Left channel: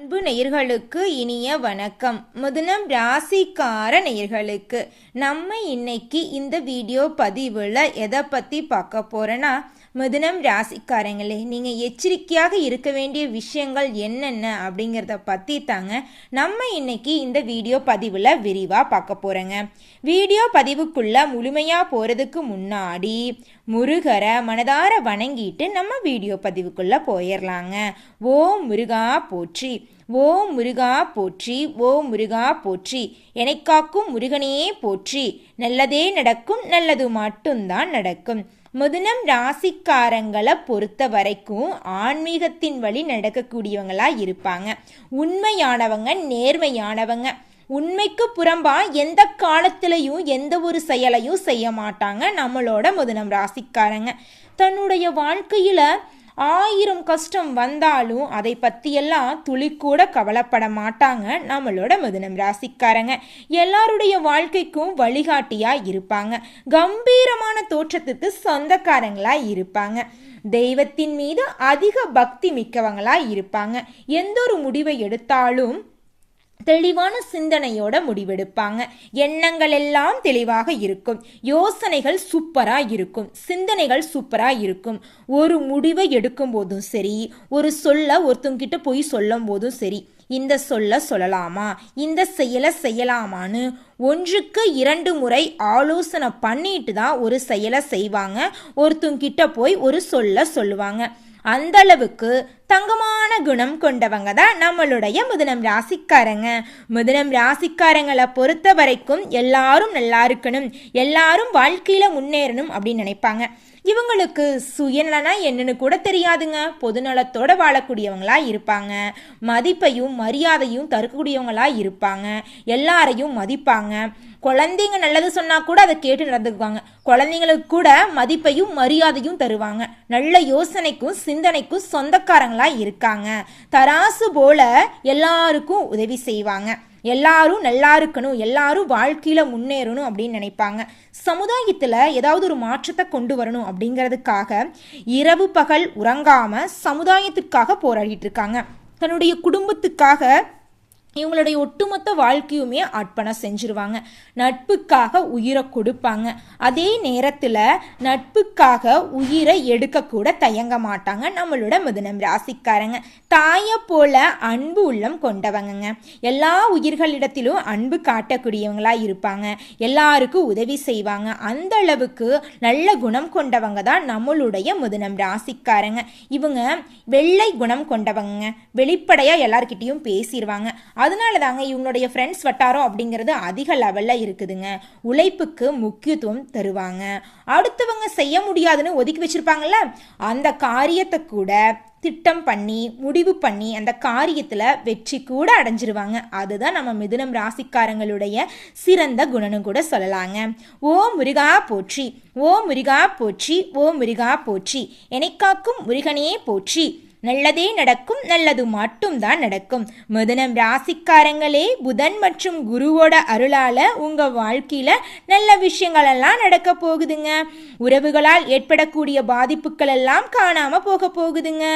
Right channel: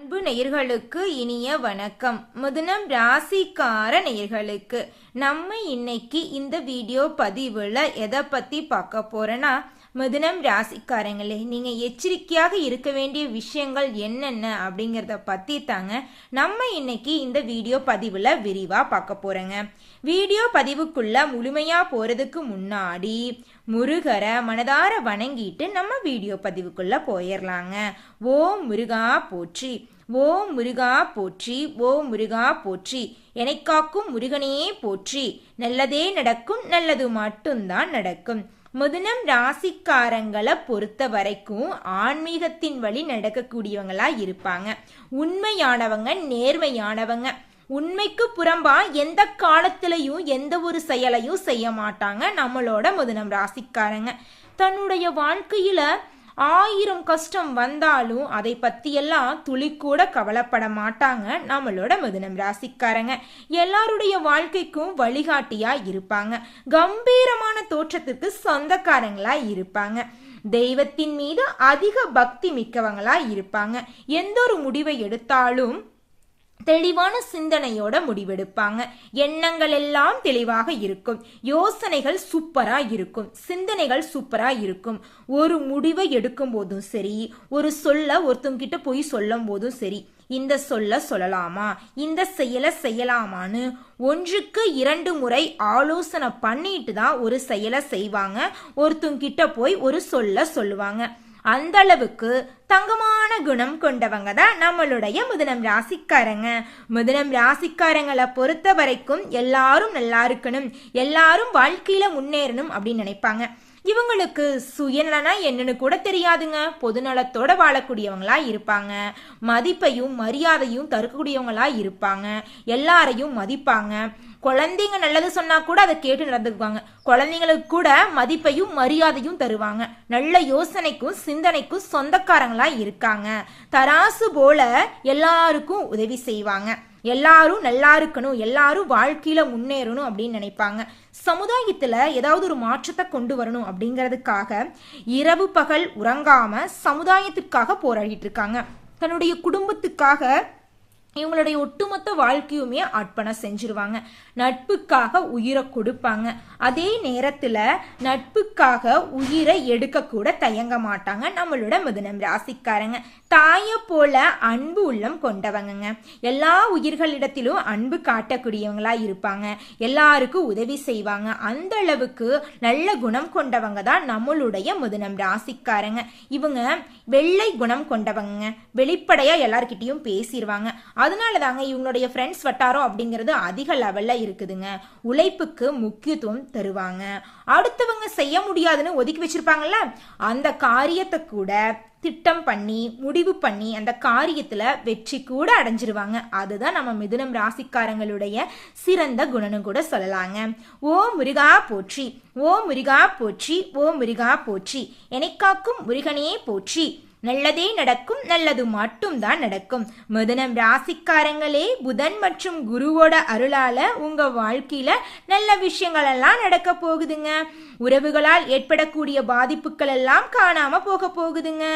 அன்பு நேயர்களுக்கு இனிய வணக்கம். மிதுனம் ராசிக்கார நேயர்களுக்கு நம்ம இன்னைக்கு இந்த வீடியோ பதிவுல எதை பத்தி பார்க்க போறோன்னா, மிதுனம் ராசிக்காரங்களே, நீங்க எச்சரிக்கையாக இருக்க வேண்டிய விஷயங்கள் என்னென்ன அப்படிங்கிறத பத்தி தாங்க நம்ம இன்னைக்கு இந்த வீடியோ பதிவுல விரிவா பார்க்க போறோங்க. வீடியோ பதிவுக்குள்ள முழுமையா போறதுக்கு முன்னாடி முருகரை மனதார வணங்கிட்டு நம்ம வீடியோ பதிவுக்குள்ள போயிடலாங்க. ஓம் முருகா போற்றி, ஓம் முருகா போற்றி, ஓம் முருகா போற்றி, என்னை காக்கும் முருகனே போற்றி, நல்லதே நடக்கும், நல்லது மட்டும்தான் நடக்கும். மிதுனம் ராசிக்காரங்களை பொறுத்த வரைக்கும் ஆன்மீகத்தின் வழி நடக்கக்கூடியவங்களா இருப்பாங்க. உண்மையானவங்க, நேர்மையானவங்க. உண்மைக்கு புறம்பா எந்த காலத்திலையும் எந்த ஒரு செயலையும் செய்ய மாட்டாங்க நம்மளோட மிதுனம் ராசிக்காரங்க. தன்னுடைய வாழ்க்கையில 1000 கஷ்டம் வந்தாலும் அதை பத்தியெல்லாம் துளி கூட கவலைப்பட மாட்டாங்க நம்மளோட மிதுனம் ராசிக்காரங்க. எல்லாருடைய வாழ்க்கைக்கும் வழிகாட்டியா இருப்பாங்க. கம்பீரமான தோற்றத்திற்கு சொந்தக்காரங்களா இருப்பாங்க. தெய்வத்தின் மீது அதிக பக்தி மிக்கவங்களா இருப்பாங்க. எந்த ஒரு முடிவை எடுத்தாலும் தெளிவான சிந்தனையோட முடிவெடுப்பாங்க. எண்ணங்கள் எல்லாம் தெளிவாக இருக்கும். யோசனைகள் சூப்பரா இருக்கும். சிந்தனைகள் சூப்பரா இருக்கும். ஒரு முடிவை எடுக்கும் போதும் சரி, ஒரு சொல்ல ஒருத்தங்கிட்ட போய் சொல்லும் போதும் சரி, இந்த சொல்ல சொல்லலாமா, இந்த செயலை செய்யலாமான்னு 1க்கு 2 முறை ஆலோசனை பண்ணிட்டு தான் ஒரு செயலை செய்வாங்க. ஒருத்தங்கிட்ட போய் ஒரு சொல்ல சொல்லுவாங்க. அந்த அளவுக்கு தங்கமான குணம் கொண்டவங்க தான் நம்மளுடைய மிதுனம் ராசிக்காரங்க. மிதுனம் ராசிக்காரங்களை பொறுத்த வரைக்கும் எல்லாரும் நல்லா இருக்கணும், எல்லாரும் வாழ்க்கையில முன்னேறணும் அப்படின்னு நினைப்பாங்க. இவங்களுக்கு சுயநலனா என்னன்னு கூட தெரியாதுங்க. பொதுநலத்தோட வாழக்கூடியவங்களா இருப்பாங்க. மதிப்பையும் மரியாதையும் தரக்கூடியவங்களா இருப்பாங்க. எல்லாரையும் மதிப்பாங்க. குழந்தைங்க நல்லது சொன்னா கூட அதை கேட்டு நடந்துக்குவாங்க. குழந்தைங்களுக்கு கூட மதிப்பையும் மரியாதையும் தருவாங்க. நல்ல யோசனைக்கும் சிந்தனைக்கும் சொந்தக்காரங்களா இருக்காங்க. தராசு போல எல்லாருக்கும் உதவி செய்வாங்க. எல்லாரும் நல்லா இருக்கணும், எல்லாரும் வாழ்க்கையில முன்னேறணும் அப்படின்னு நினைப்பாங்க. சமுதாயத்துல ஏதாவது ஒரு மாற்றத்தை கொண்டு வரணும் அப்படிங்கிறதுக்காக இரவு பகல் உறங்காம சமுதாயத்திற்காக போராடிட்டு இருக்காங்க. தன்னுடைய குடும்பத்துக்காக இவங்களுடைய ஒட்டுமொத்த வாழ்க்கையுமே அர்ப்பணம் செஞ்சிருவாங்க. நட்புக்காக உயிரை கொடுப்பாங்க. அதே நேரத்துல நட்புக்காக உயிரை எடுக்க கூட தயங்க மாட்டாங்க நம்மளோட மிதுனம் ராசிக்காரங்க. தாயை போல அன்பு உள்ளம் கொண்டவங்க. எல்லா உயிர்களிடத்திலும் அன்பு காட்டக்கூடியவங்களா இருப்பாங்க. எல்லாருக்கும் உதவி செய்வாங்க. அந்த அளவுக்கு நல்ல குணம் கொண்டவங்க தான் நம்மளுடைய மிதுனம் ராசிக்காரங்க. இவங்க வெள்ளை குணம் கொண்டவங்க. வெளிப்படையா எல்லார்கிட்டையும் பேசிடுவாங்க. அதனால தாங்க இவங்களுடைய ஃப்ரெண்ட்ஸ் வட்டாரம் அப்படிங்கிறது அதிக லெவல்ல இருக்குதுங்க. உழைப்புக்கு முக்கியத்துவம் தருவாங்க. அடுத்தவங்க செய்ய முடியாதுன்னு ஒதுக்கி வச்சிருப்பாங்கல்ல, அந்த காரியத்தை கூட திட்டம் பண்ணி முடிவு பண்ணி அந்த காரியத்துல வெற்றி கூட அடைஞ்சிருவாங்க. அதுதான் நம்ம மிதுனம் ராசிக்காரங்களுடைய சிறந்த குணம்னு கூட சொல்லலாங்க. ஓ முருகா போற்றி, ஓ முருகா போற்றி, ஓ முருகா போற்றி, என்னை காக்கும் முருகனே போற்றி, நல்லதே நடக்கும், நல்லது மட்டும்தான் நடக்கும். மிதுனம் ராசிக்காரங்களே, புதன் மற்றும் குருவோட அருளால உங்க வாழ்க்கையில நல்ல விஷயங்கள் எல்லாம் நடக்க போகுதுங்க. உறவுகளால் ஏற்படக்கூடிய பாதிப்புகள் எல்லாம் காணாம போக போகுதுங்க.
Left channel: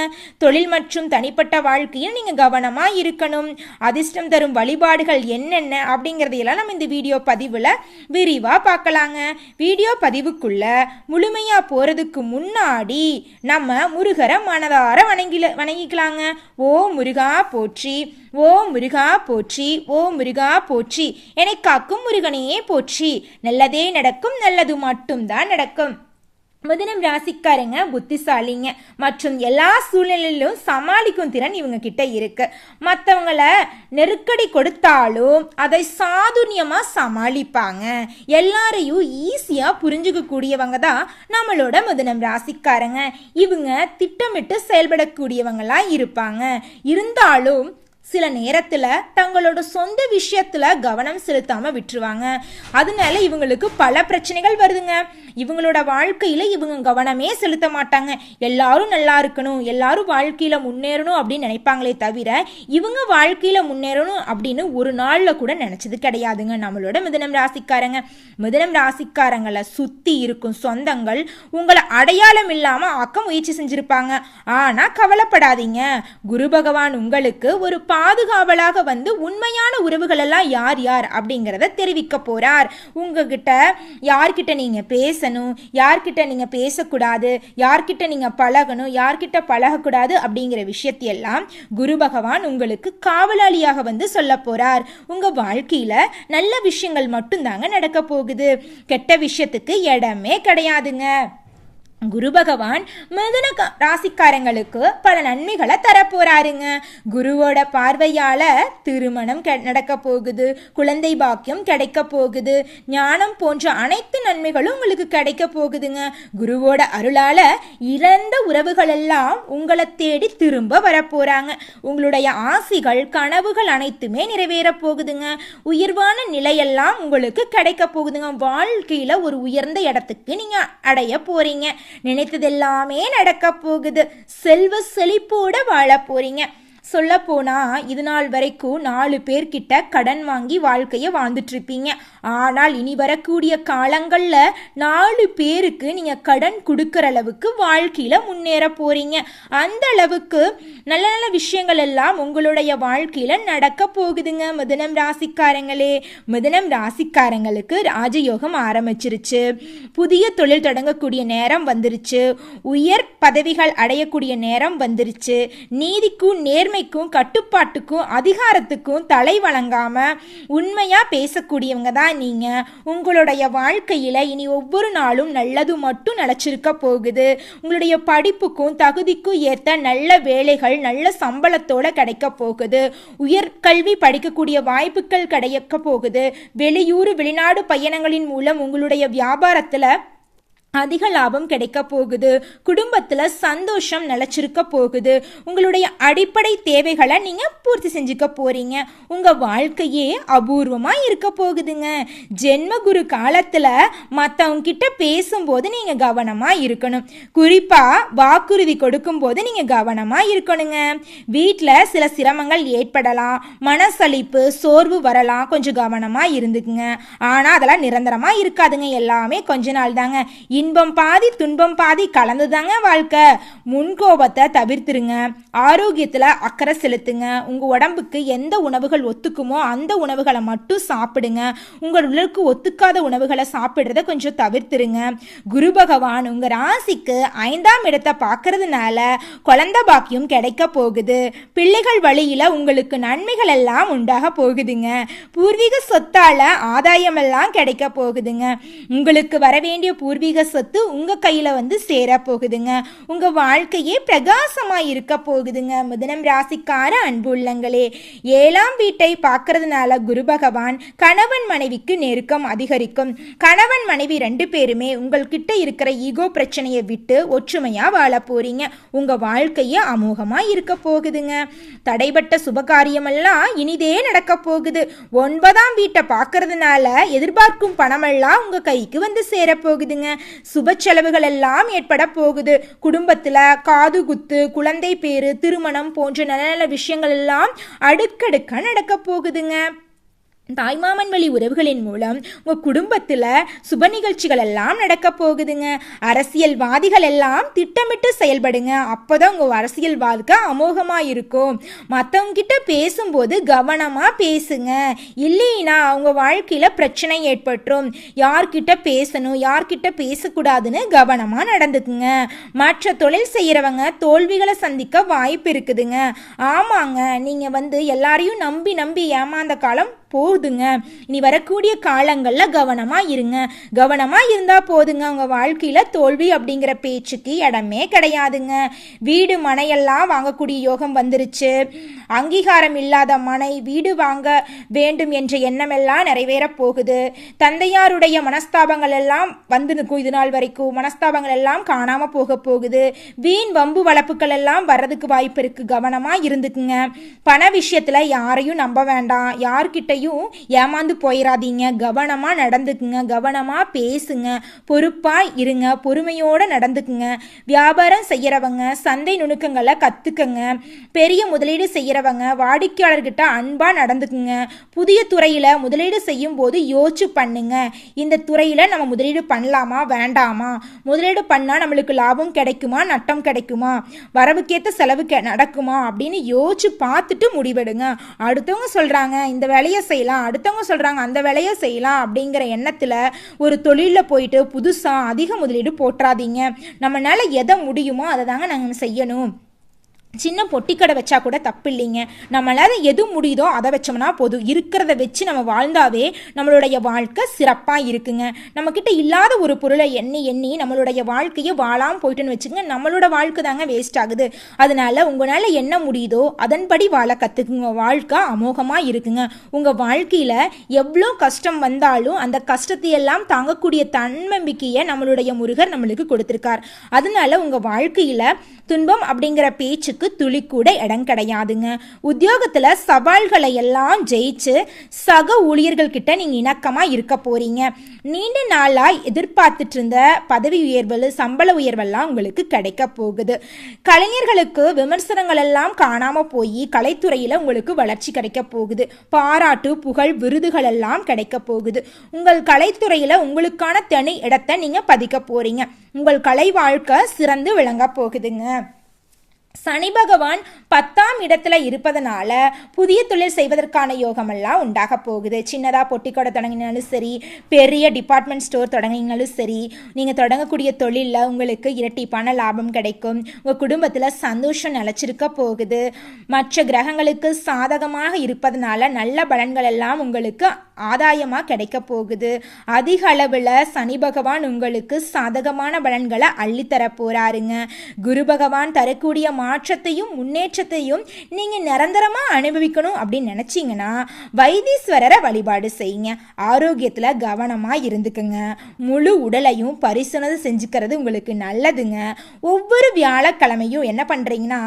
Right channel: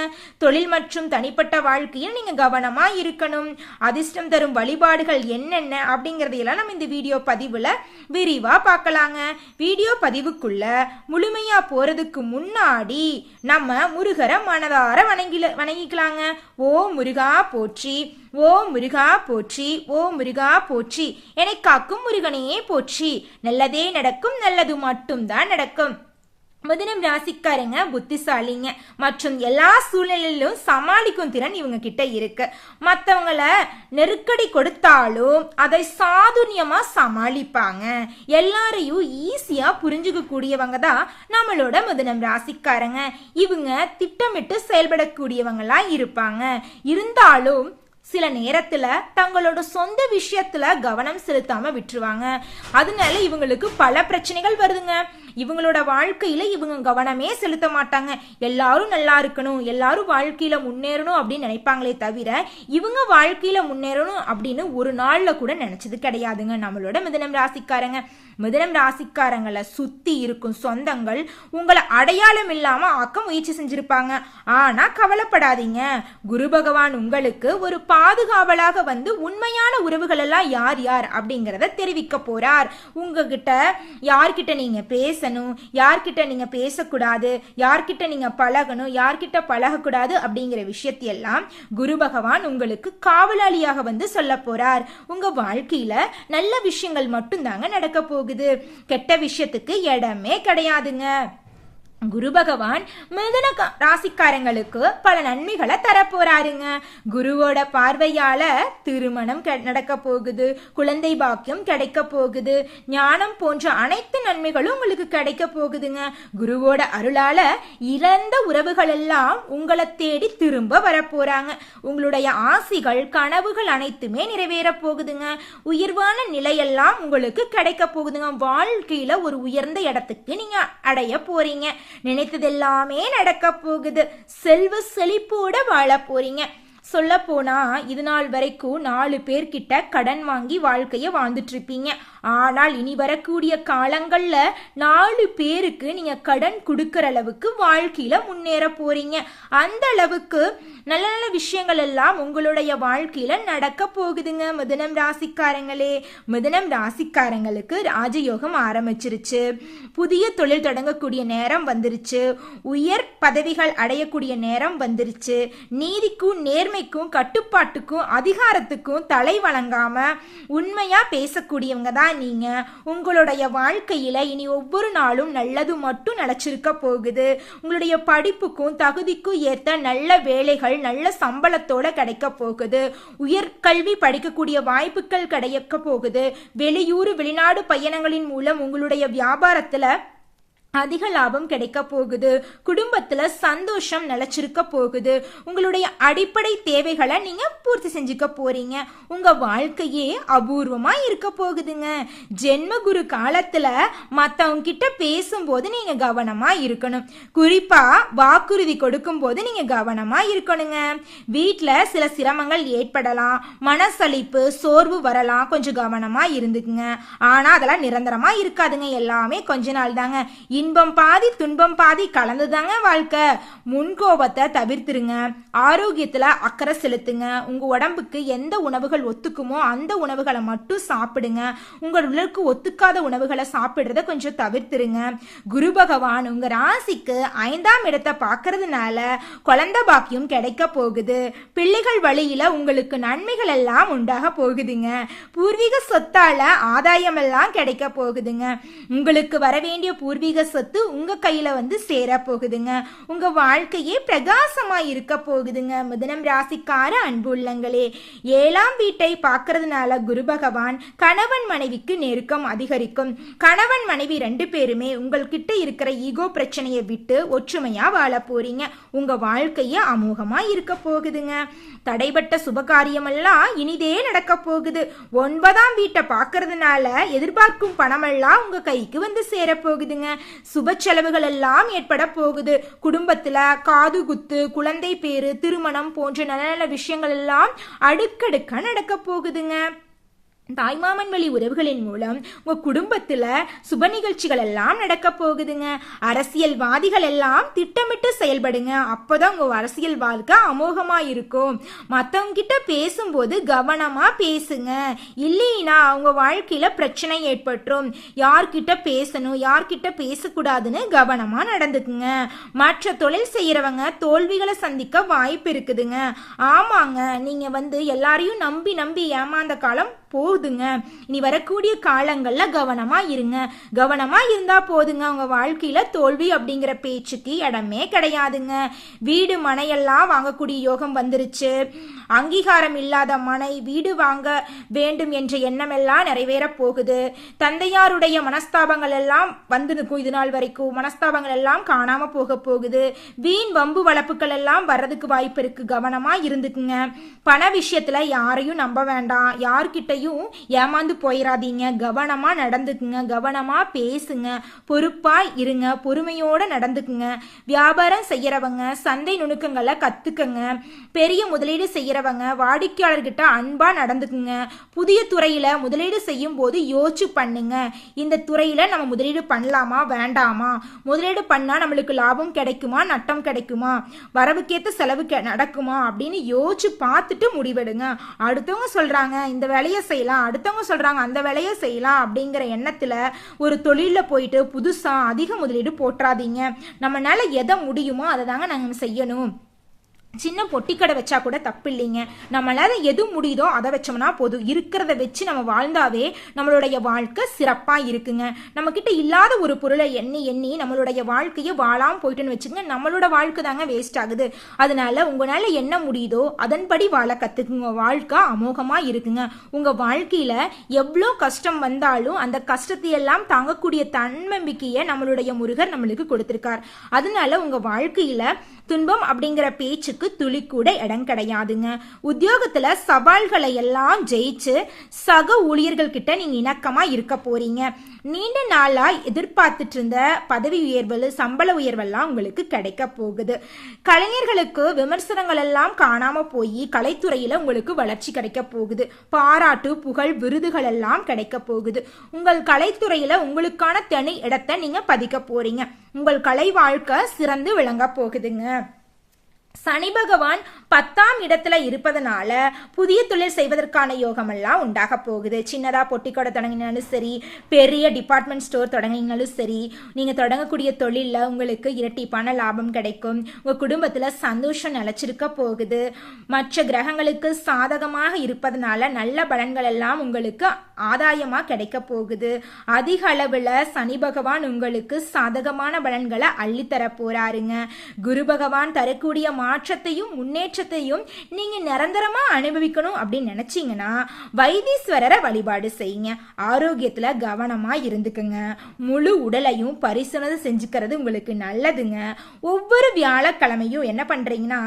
தொழில் மற்றும் தனிப்பட்ட வாழ்க்கையில் நீங்க கவனமா இருக்கணும். அதிர்ஷ்டம் தரும் வழிபாடுகள் என்னென்ன அப்படிங்கறதையெல்லாம் நம்ம இந்த வீடியோ பதிவுல விரிவா பார்க்கலாங்க. வீடியோ பதிவுக்குள்ள முழுமையா போறதுக்கு முன்னாடி நம்ம முருகரை மனதார வணங்கிக்கலாங்க. ஓ முருகா போற்றி, ஓ முருகா போற்றி, ஓ முருகா போற்றி, என்னை காக்கும் முருகனே போற்றி, நல்லதே நடக்கும், நல்லது மட்டும்தான் நடக்கும். மிதுனம் ராசிக்காரங்க புத்திசாலிங்க மற்றும் எல்லா சூழ்நிலையிலும் சமாளிக்கும் திறன் இவங்க கிட்ட இருக்கு. மற்றவங்களை நெருக்கடி கொடுத்தாலும் அதை சாதுரியமா சமாளிப்பாங்க. எல்லாரையும் ஈஸியா புரிஞ்சுக்க கூடியவங்க தான் நம்மளோட மிதுனம் ராசிக்காரங்க. இவங்க திட்டமிட்டு செயல்படக்கூடியவங்களா இருப்பாங்க. இருந்தாலும் சில நேரத்துல தங்களோட சொந்த விஷயத்துல கவனம் செலுத்தாம விட்டுருவாங்க. அதனால இவங்களுக்கு பல பிரச்சனைகள் வருதுங்க. இவங்களோட வாழ்க்கையில இவங்க கவனமே செலுத்த மாட்டாங்க. எல்லாரும் நல்லா இருக்கணும், எல்லாரும் வாழ்க்கையில முன்னேறணும் அப்படின்னு நினைப்பாங்களே தவிர இவங்க வாழ்க்கையில முன்னேறணும் அப்படின்னு ஒரு நாள்ல கூட நினைச்சது கிடையாதுங்க நம்மளோட மிதுனம் ராசிக்காரங்க. மிதுனம் ராசிக்காரங்களை சுத்தி இருக்கும் சொந்தங்கள் உங்களை அடையாளம் இல்லாம ஆக்க முயற்சி செஞ்சிருப்பாங்க. ஆனா கவலைப்படாதீங்க, குரு பகவான் உங்களுக்கு ஒரு பாதுகாவலாக வந்து உண்மையான உறவுகள் எல்லாம் யார் யார் அப்படிங்கறத தெரிவிக்க போறார். உங்ககிட்ட யார்கிட்ட நீங்க பேசணும், யார்கிட்ட நீங்க பேசக்கூடாது, யார்கிட்ட நீங்க பழகணும், யார்கிட்ட பழகக்கூடாது அப்படிங்கிற விஷயத்தையெல்லாம் குரு பகவான் உங்களுக்கு காவலாளியாக வந்து சொல்ல போறார். உங்க வாழ்க்கையில நல்ல விஷயங்கள் மட்டும்தாங்க நடக்க போகுது, கெட்ட விஷயத்துக்கு இடமே கிடையாதுங்க. குரு பகவான் மிதுன ராசிக்காரங்களுக்கு பல நன்மைகளை தரப்போறாருங்க. குருவோட பார்வையால திருமணம் நடக்க போகுது, குழந்தை பாக்கியம் கிடைக்க போகுது, ஞானம் போன்ற அனைத்து நன்மைகளும் உங்களுக்கு கிடைக்க போகுதுங்க. குருவோட அருளால இறந்த உறவுகள் எல்லாம் உங்களை தேடி திரும்ப வரப்போறாங்க. உங்களுடைய ஆசைகள் கனவுகள் அனைத்துமே நிறைவேற போகுதுங்க. உயர்வான நிலையெல்லாம் உங்களுக்கு கிடைக்க போகுதுங்க. வாழ்க்கையில ஒரு உயர்ந்த இடத்துக்கு நீங்க அடைய போறீங்க. நினைத்ததெல்லாமே நடக்க போகுது. செல்வ செழிப்போட வாழ போறீங்க. சொல்ல போனா இது நாள் வரைக்கும் 4 பேர்கிட்ட கடன் வாங்கி வாழ்க்கைய வாழ்ந்துட்டு இருப்பீங்க. ஆனால் இனி வரக்கூடிய காலங்கள்ல 4 பேருக்கு நீங்க கடன் கொடுக்கற அளவுக்கு வாழ்க்கையில முன்னேற போறீங்க. அந்த அளவுக்கு நல்ல நல்ல விஷயங்கள் எல்லாம் உங்களுடைய வாழ்க்கையில நடக்க போகுதுங்க. மிதுனம் ராசிக்காரங்களே, மிதுனம் ராசிக்காரங்களுக்கு ராஜயோகம் ஆரம்பிச்சிருச்சு. புதிய தொழில் தொடங்கக்கூடிய நேரம் வந்துருச்சு. உயர் பதவிகள் அடையக்கூடிய நேரம் வந்துருச்சு. நீதிக்கும் நேர்மைக்கும் கட்டுப்பாட்டுக்கும் அதிகாரத்துக்கும் தலை வழங்காம உண்மையா பேசக்கூடியவங்க தான் நீங்க. உங்களுடைய வாழ்க்கையில இனி ஒவ்வொரு நாளும் நல்லது மட்டும் நிலைச்சிருக்க போகுது. உங்களுடைய படிப்புக்கும் தகுதிக்கும் ஏற்ற நல்ல வேலைகள் நல்ல சம்பளத்தோட கிடைக்க போகுது. உயர்கல்வி படிக்கக்கூடிய வாய்ப்புகள் கிடைக்க போகுது. வெளியூர் வெளிநாடு பயணங்களின் மூலம் உங்களுடைய வியாபாரத்துல அதிக லாபம் கிடைக்க போகுது. குடும்பத்துல சந்தோஷம் நிலைச்சிருக்க போகுது. உங்களுடைய அடிப்படை தேவைகளை நீங்க பூர்த்தி செஞ்சுக்க போறீங்க. உங்க வாழ்க்கையே அபூர்வமா இருக்க போகுதுங்க. ஜென்ம குரு காலத்துல மத்தவங்க கிட்ட பேசும்போது நீங்க கவனமா இருக்கணும். குறிப்பா வாக்குறுதி கொடுக்கும் போது நீங்க கவனமா இருக்கணுங்க. வீட்டுல சில சிரமங்கள் ஏற்படலாம், மனசளிப்பு சோர்வு வரலாம், கொஞ்சம் கவனமா இருந்துக்குங்க. ஆனா அதெல்லாம் நிரந்தரமா இருக்காதுங்க, எல்லாமே கொஞ்ச நாள் தாங்க. இன்பம் பாதி துன்பம் பாதி கலந்துதாங்க வாழ்க்கை. முன்கோபத்தை தவிர்த்துருங்க. ஆரோக்கியத்துல அக்கறை செலுத்துங்க. உங்க உடம்புக்கு எந்த உணவுகள் ஒத்துக்குமோ அந்த உணவுகளை மட்டும் சாப்பிடுங்க. உங்க உடலுக்கு ஒத்துக்காத உணவுகளை சாப்பிடுறத கொஞ்சம் தவிர்த்துருங்க. குரு பகவான் உங்க ராசிக்கு 5ஆம் இடத்தை பார்க்கறதுனால குழந்தை பாக்கியம் கிடைக்க போகுது. பிள்ளைகள் வழியில உங்களுக்கு நன்மைகள் எல்லாம் உண்டாக போகுதுங்க. பூர்வீக சொத்தால ஆதாயம் எல்லாம் கிடைக்க போகுதுங்க. உங்களுக்கு வர வேண்டிய பூர்வீக சொத்து உங்க கையில வந்து சேர போகுதுங்க. உங்க வாழ்க்கையே பிரகாசமா இருக்க போகுதுங்க. மிதுனம் ராசிக்கார அன்பு உள்ளங்களே, 7ஆம் வீட்டை பார்க்கறதுனால குரு பகவான் கணவன் மனைவிக்கு நெருக்கம் அதிகரிக்கும். கணவன் மனைவி 2 பேருமே உங்கள்கிட்ட இருக்கிற ஈகோ பிரச்சனையை விட்டு ஒற்றுமையா வாழ போறீங்க. உங்க வாழ்க்கையே அமோகமா இருக்க போகுதுங்க. தடைபட்ட சுபகாரியமெல்லாம் இனிதே நடக்க போகுது. 9ஆம் வீட்டை பார்க்கறதுனால எதிர்பார்க்கும் பணமெல்லாம் உங்க கைக்கு வந்து சேர போகுதுங்க. சுப செலவுகள் எல்லாம் ஏற்பட போகுது. குடும்பத்துல காது குத்து, குழந்தை பேரு, திருமணம் போன்ற நல்ல நல்ல விஷயங்கள் எல்லாம் அடுக்கடுக்கா நடக்க போகுதுங்க. தாய்மாமன் வழி உறவுகளின் மூலம் உங்க குடும்பத்துல சுப நிகழ்ச்சிகள் எல்லாம் நடக்க போகுதுங்க. அரசியல்வாதிகள் எல்லாம் திட்டமிட்டு செயல்படுங்க. அப்பதான் உங்க அரசியல் வாழ்க்கை அமோகமா இருக்கும். மற்றவங்க கிட்ட பேசும்போது கவனமா பேசுங்க. இல்லைன்னா உங்க வாழ்க்கையில பிரச்சனை ஏற்பட்டுரும். யார்கிட்ட பேசணும் யார்கிட்ட பேசக்கூடாதுன்னு கவனமா நடந்துக்குங்க. மற்ற தொழில் செய்யறவங்க தோல்விகளை சந்திக்க வாய்ப்பு இருக்குதுங்க. ஆமாங்க, நீங்க வந்து எல்லாரையும் நம்பி நம்பி ஏமாந்த காலம் போகுதுங்க. இனி வரக்கூடிய காலங்கள்ல கவனமா இருங்க. கவனமா இருந்தா போதுங்க. உங்க வாழ்க்கையில தோல்வி அப்படிங்கிற பேச்சுக்கு இடமே கிடையாதுங்க. வீடு மனையெல்லாம் வாங்கக்கூடிய யோகம் வந்துருச்சு. அங்கீகாரம் இல்லாத மனை வீடு வாங்க வேண்டும் என்ற எண்ணம் எல்லாம் நிறைவேற போகுது. தந்தையாருடைய மனஸ்தாபங்கள் எல்லாம் வந்து நிற்கும். இது நாள் வரைக்கும் மனஸ்தாபங்கள் எல்லாம் காணாம போக போகுது. வீண் வம்பு வளப்புகள் எல்லாம் வர்றதுக்கு வாய்ப்பு இருக்கு. கவனமா இருந்துக்குங்க. பண விஷயத்துல யாரையும் நம்ப வேண்டாம். யார்கிட்டையும் யார்கிட்டையும் ஏமாந்து போயிடாதீங்க. கவனமாக நடந்துக்குங்க, கவனமாக பேசுங்க, பொறுப்பாக இருங்க, பொறுமையோடு நடந்துக்குங்க. வியாபாரம் செய்கிறவங்க சந்தை நுணுக்கங்களை கற்றுக்குங்க. பெரிய முதலீடு செய்கிறவங்க வாடிக்கையாளர்கிட்ட அன்பாக நடந்துக்குங்க. புதிய துறையில் முதலீடு செய்யும் போது யோசிச்சு பண்ணுங்க. இந்த துறையில் நம்ம முதலீடு பண்ணலாமா வேண்டாமா, முதலீடு பண்ணால் நம்மளுக்கு லாபம் கிடைக்குமா நட்டம் கிடைக்குமா, வரவுக்கேற்ற செலவு நடக்குமா அப்படின்னு யோசிச்சு பார்த்துட்டு முடிவெடுங்க. அடுத்தவங்க சொல்கிறாங்க இந்த வேலையை செய்யலாம், அடுத்தவங்க சொல்கிறாங்க அந்த வேலையை செய்யலாம் அப்படிங்கிற எண்ணத்தில் ஒரு தொழிலில் போயிட்டு புதுசாக அதிக முதலீடு போட்டுறாதீங்க. நம்மளால எதை முடியுமோ அதை தாங்க நாங்கள் செய்யணும். சின்ன பொட்டிக்கடை வச்சா கூட தப்பு இல்லைங்க. நம்மளால எது முடியுதோ அதை வச்சோம்னா போதும். இருக்கிறத வச்சு நம்ம வாழ்ந்தாவே நம்மளுடைய வாழ்க்கை சிறப்பாக இருக்குங்க. நம்மக்கிட்ட இல்லாத ஒரு பொருளை எண்ணி எண்ணி நம்மளுடைய வாழ்க்கையை வாழாமல் போயிட்டுன்னு வச்சுக்கோங்க, நம்மளோட வாழ்க்கை தாங்க வேஸ்ட் ஆகுது. அதனால உங்களால் என்ன முடியுதோ அதன்படி வாழ கற்றுக்குங்க. வாழ்க்கை அமோகமாக இருக்குங்க. உங்கள் வாழ்க்கையில் எவ்வளோ கஷ்டம் வந்தாலும் அந்த கஷ்டத்தையெல்லாம் தாங்கக்கூடிய தன்னம்பிக்கையை நம்மளுடைய முருகர் நம்மளுக்கு கொடுத்துருக்கார். அதனால உங்கள் வாழ்க்கையில் துன்பம் அப்படிங்கிற பேச்சுக்கு துளி கூட இடம் கிடையாதுங்க. உத்தியோகத்துல சவால்களை எல்லாம் ஜெயிச்சு சக ஊழியர்கள் கிட்ட நீங்க இணக்கமா இருக்க போறீங்க. நீண்ட நாளா எதிர்பார்த்துட்டு இருந்த பதவி உயர்வு சம்பள உயர்வெல்லாம் உங்களுக்கு கிடைக்க போகுது. கலைஞர்களுக்கு விமர்சனங்கள் எல்லாம் காணாம போய் கலைத்துறையில உங்களுக்கு வளர்ச்சி கிடைக்க போகுது. பாராட்டு புகழ் விருதுகள் எல்லாம் கிடைக்க போகுது. உங்கள் கலைத்துறையில உங்களுக்கான தனி இடத்தை நீங்க பதிக்க போறீங்க. உங்கள் கலை வாழ்க்கை சிறந்து விளங்க போகுதுங்க. சனி பகவான் 10ஆம் இடத்துல இருப்பதனால புதிய தொழில் செய்வதற்கான யோகமெல்லாம் உண்டாக போகுது. சின்னதாக பொட்டிக்கடை தொடங்கினாலும் சரி, பெரிய டிபார்ட்மெண்ட் ஸ்டோர் தொடங்கினாலும் சரி, நீங்கள் தொடங்கக்கூடிய தொழிலில் உங்களுக்கு இரட்டிப்பான லாபம் கிடைக்கும். உங்கள் குடும்பத்தில் சந்தோஷம் நிலச்சிருக்க போகுது. மற்ற கிரகங்களுக்கு சாதகமாக இருப்பதனால நல்ல பலன்கள் எல்லாம் உங்களுக்கு ஆதாயமாக கிடைக்க போகுது. அதிக அளவில் சனி பகவான் உங்களுக்கு சாதகமான பலன்களை அள்ளித்தர போறாருங்க. குரு பகவான் தரக்கூடிய மாற்றத்தையும் முன்னேற்றத்தையும் நீங்க நிரந்தரமா அனுபவிக்கணும் அப்படின்னு நினைச்சீங்கன்னா வைத்தீஸ்வரரை வழிபாடு செய்யுங்க. ஆரோக்கியத்துல கவனமா இருந்துக்குங்க. முழு உடலையும் பரிசோதனை செஞ்சுக்கிறது உங்களுக்கு நல்லதுங்க. ஒவ்வொரு வியாழக்கிழமையும் என்ன பண்றீங்கன்னா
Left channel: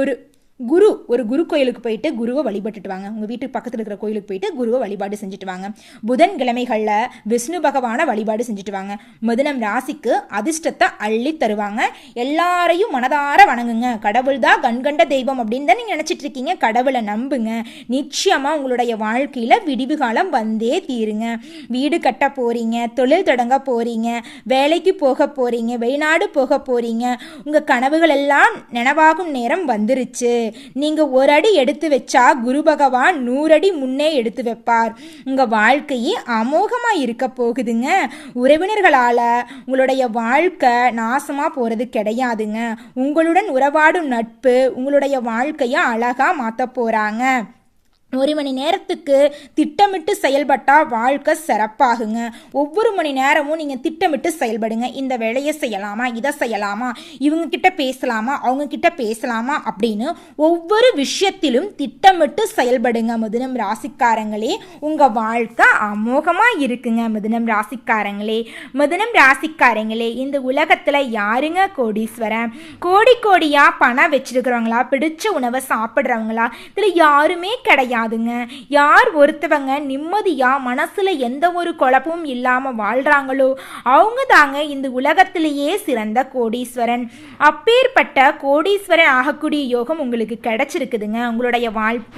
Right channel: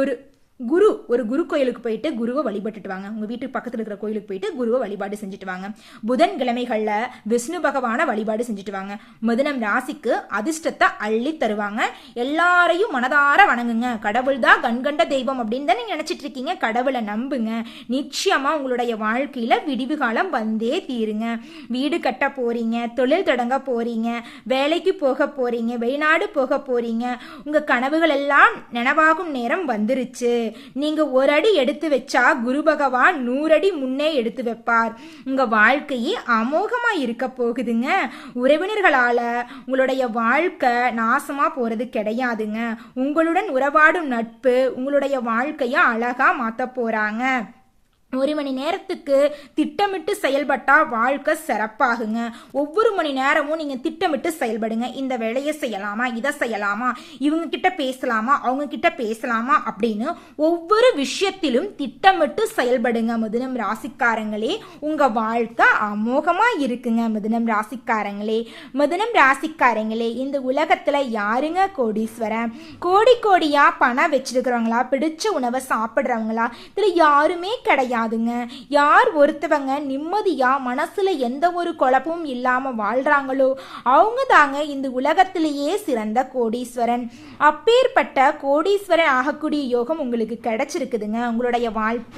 ஒரு குரு கோயிலுக்கு போயிட்டு குருவை வழிபட்டுட்டு வாங்க. உங்கள் வீட்டுக்கு பக்கத்தில் இருக்கிற கோயிலுக்கு போயிட்டு குருவை வழிபாடு செஞ்சுட்டு வாங்க. புதன்கிழமைகளில் விஷ்ணு பகவானை வழிபாடு செஞ்சுட்டு வாங்க. மிதுனம் ராசிக்கு அதிர்ஷ்டத்தை அள்ளி தருவாங்க. எல்லாரையும் மனதார வணங்குங்க. கடவுள் தான் கண்கண்ட தெய்வம் அப்படின்னு தான் நீங்கள் நினச்சிட்டு இருக்கீங்க. கடவுளை நம்புங்க. நிச்சயமாக உங்களுடைய வாழ்க்கையில் விடிவு காலம் வந்தே தீருங்க. வீடு கட்ட போறீங்க, தொழில் தொடங்க போறீங்க, வேலைக்கு போக போறீங்க, வெளிநாடு போக போறீங்க. உங்கள் கனவுகள் எல்லாம் நினைவாகும் நேரம் வந்துருச்சு. நீங்க ஒரு அடி எடுத்து வச்சா குரு பகவான் 100 அடி முன்னே எடுத்து வைப்பார். உங்க வாழ்க்கையே அமோகமா இருக்க போகுதுங்க. உறவினர்களால உங்களுடைய வாழ்க்கை நாசமா போறது கிடையாதுங்க. உங்களுடன் உறவாடும் நட்பு உங்களுடைய வாழ்க்கைய அழகா மாத்த போறாங்க. 1 மணி நேரத்துக்கு திட்டமிட்டு செயல்பட்டா வாழ்க்கை சிறப்பாகுங்க. ஒவ்வொரு மணி நேரமும் நீங்கள் திட்டமிட்டு செயல்படுங்க. இந்த வேலையை செய்யலாமா, இதை செய்யலாமா, இவங்க கிட்ட பேசலாமா, அவங்க கிட்ட பேசலாமா அப்படின்னு ஒவ்வொரு விஷயத்திலும் திட்டமிட்டு செயல்படுங்க. மிதுனம் ராசிக்காரங்களே, உங்கள் வாழ்க்கை அமோகமாக இருக்குங்க. மிதுனம் ராசிக்காரங்களே, இந்த உலகத்தில் யாருங்க கோடீஸ்வரன்? கோடியாக பணம் வச்சிருக்கிறவங்களா, பிடிச்ச உணவை சாப்பிட்றவங்களா, இதில் யாருமே கிடையாது. யார் ஒருத்தவங்க நிம்மதியா மனசுல எந்த ஒரு குழப்பமும் இல்லாம வாழ்றாங்களோ அவங்க தாங்க இந்த உலகத்திலேயே சிறந்த கோடீஸ்வரன். அப்பேற்பட்ட கோடீஸ்வரன் ஆகக்கூடிய யோகம் உங்களுக்கு கிடைச்சிருக்குதுங்க. உங்களுடைய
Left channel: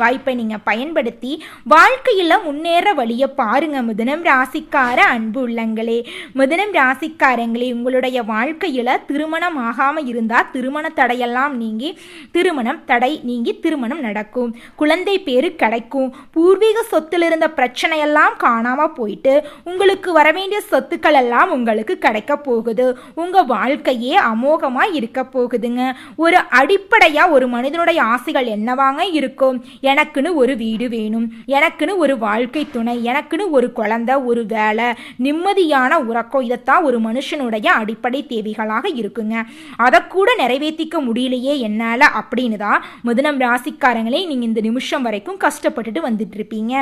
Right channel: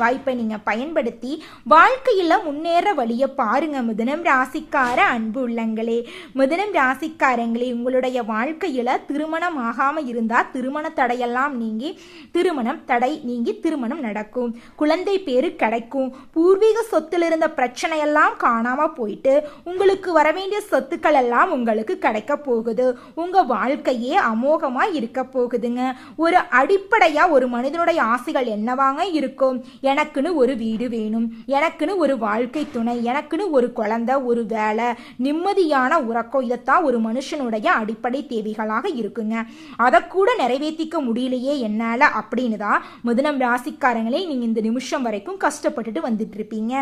வாய்ப்பை நீங்க பயன்படுத்தி வாழ்க்கையில முன்னேற வழிய பாருங்க. மிதுனம் ராசிக்கார அன்பு உள்ளங்களே, மிதுனம் ராசிக்காரங்களே, உங்களுடைய வாழ்க்கையில திருமணம் ஆகாம இருந்தா திருமண தடையெல்லாம் நீங்கி திருமணம் நடக்கும். குழந்தை பேரு கிடைக்கும். பூர்வீக சொத்துல இருந்த பிரச்சனை எல்லாம் காணாம போயிட்டு உங்களுக்கு வர வேண்டிய சொத்துக்கள் எல்லாம் உங்களுக்கு கிடைக்க போகுது. உங்க வாழ்க்கையே அமோகமா இருக்க போகுதுங்க. ஒரு அடிப்படையா ஒரு மனிதனுடைய ஆசைகள் என்னவாங்க இருக்கும்? எனக்குன்னு ஒரு வீடு வேணும், எனக்குன்னு ஒரு வாழ்க்கை துணை, எனக்குன்னு ஒரு குழந்தை, ஒரு வேலை, நிம்மதியான உறக்கம். இதைத்தான் ஒரு மனுஷனுடைய அடிப்படை தேவைகளாக இருக்குங்க. அதை கூட நிறைவேற்றிக்க முடியலையே என்னால அப்படின்னு தான் மிதுனம் ராசிக்காரங்களே நீங்க இந்த நிமிஷம் வரைக்கும் கஷ்டப்பட்டுட்டு வந்துட்டு இருப்பீங்க.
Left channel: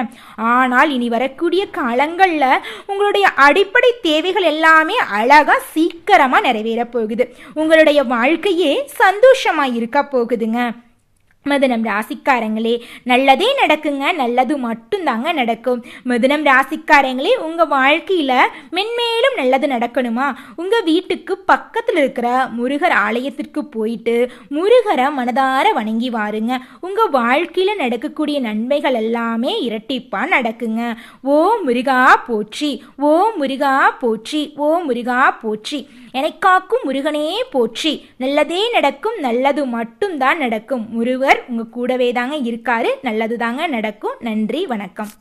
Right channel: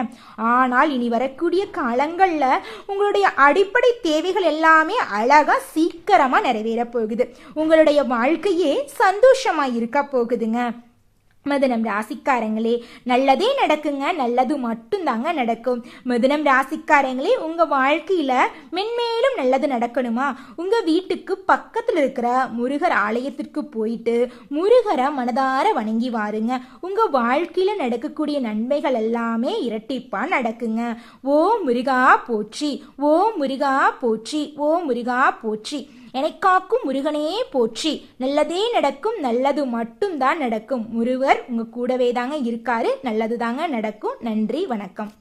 ஆனால் இனி வரக்கூடிய காலங்கள்ல உங்களுடைய அடிப்படை தேவைகள் எல்லாமே அழகா சீக்கிரமா நிறைவேற போகுது. உங்களுடைய வாழ்க்கையே சந்தோஷமா இருக்க போகுதுங்க. மிதுனம் ராசிக்காரங்களே, நல்லதே நடக்குங்க, நல்லது மட்டும்தாங்க நடக்கும். மிதுனம் ராசிக்காரங்களே, உங்க வாழ்க்கையில மென்மேலும் நல்லது நடக்கணுமா? உங்க வீட்டுக்கு பக்கத்துல இருக்கிற முருகர் ஆலயத்திற்கு போயிட்டு முருகரை மனதார வணங்கி வாருங்க. உங்க வாழ்க்கையில நடக்கக்கூடிய நன்மைகள் எல்லாமே இரட்டிப்பா நடக்குங்க. ஓ முருகா போற்றி, ஓ முருகா போற்றி, ஓ முருகா போற்றி, எனக்காக்கும் முருகனே போற்றி. நல்லதே நடக்கும், நல்லது மட்டும்தான் நடக்கும். முருகர் உங்க கூடவே தாங்க இருக்காரு. நல்லது தாங்க நடக்கும். நன்றி, வணக்கம்.